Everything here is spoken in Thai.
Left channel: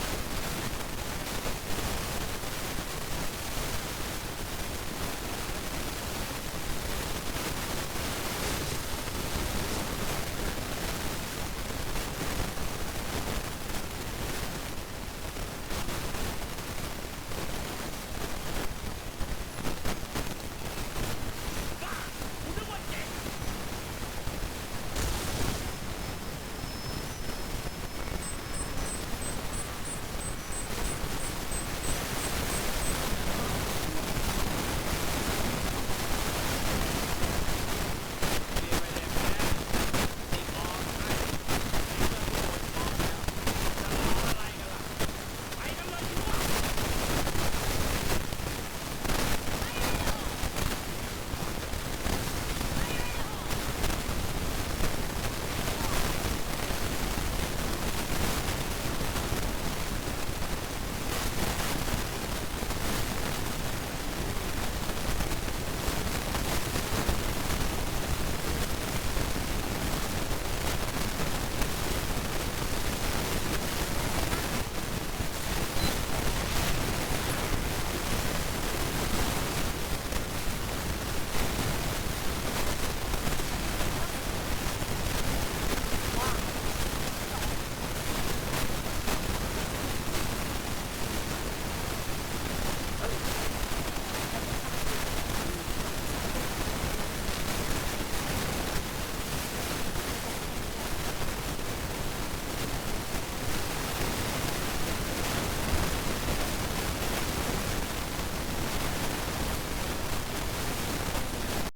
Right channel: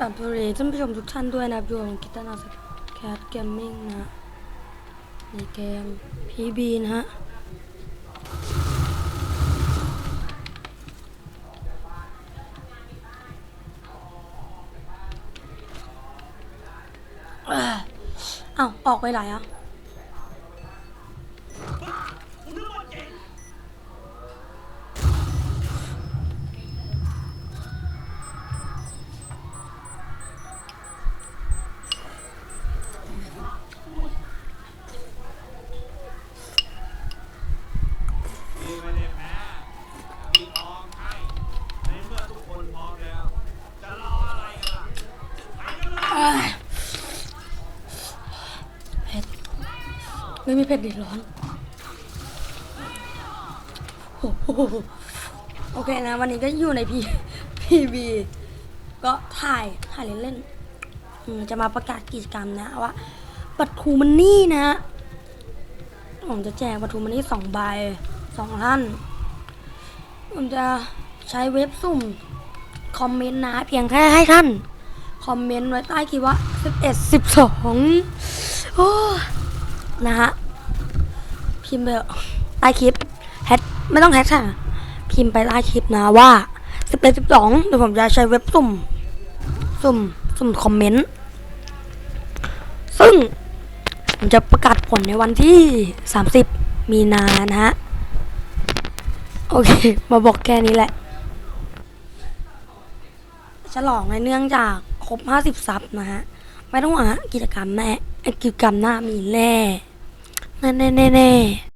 กับสวับท่านผู้ชมทุกท่านด้วยนะพี่โอคิดว่าราแคบเกมมิ่งนะเพลงพีบีนะฮะอ้ยเอ้าออกไปไหนอะ ที่ไม่ได้แพ้ที่ทองใช่ในเมื่อทุกคนพร้อมแล้ว จะรออะไรกันล่ะ ไปกันเลย เอ้ย ไม่มีเผ็ดอีกแล้วโอ้โอเคนะ วันนี้ก็อยู่ในพีพีบีก็ถ่ายถ่ายเล่นๆจะมาประกาศกิจกรรมนะว่าปัทูมันนี่นะฮะผมจะแจกปัทูมันนี่สองใบสองท่านผมจะใช้เว็บสุ่มคอมเมนต์นะเพียงแค่ให้ท่าน คอมเมนต์ไว้ใต้คลิปว่า11 12โอ้นะฮะพิมพ์ไปใต้คลิปแฮชไม่ต้องแฮชค่ะพิมพ์ไปใต้คลิปนะว่า11 12เดี๋ยวผมจะใช้เว็บสุ่มสุ่มสุ่มคอมเมนต์ซึ่งผมจะประกาศผลในวันที่30มีนานะฮะโอเค มาบอกแค่นี้แหละ ฉลองในเนื่องจาก ครบ50ซับนะฮะไม่ต้องหวังฮะกิจกรรมแน่กิจกรรมหน้ามีแน่แน่แน่แน่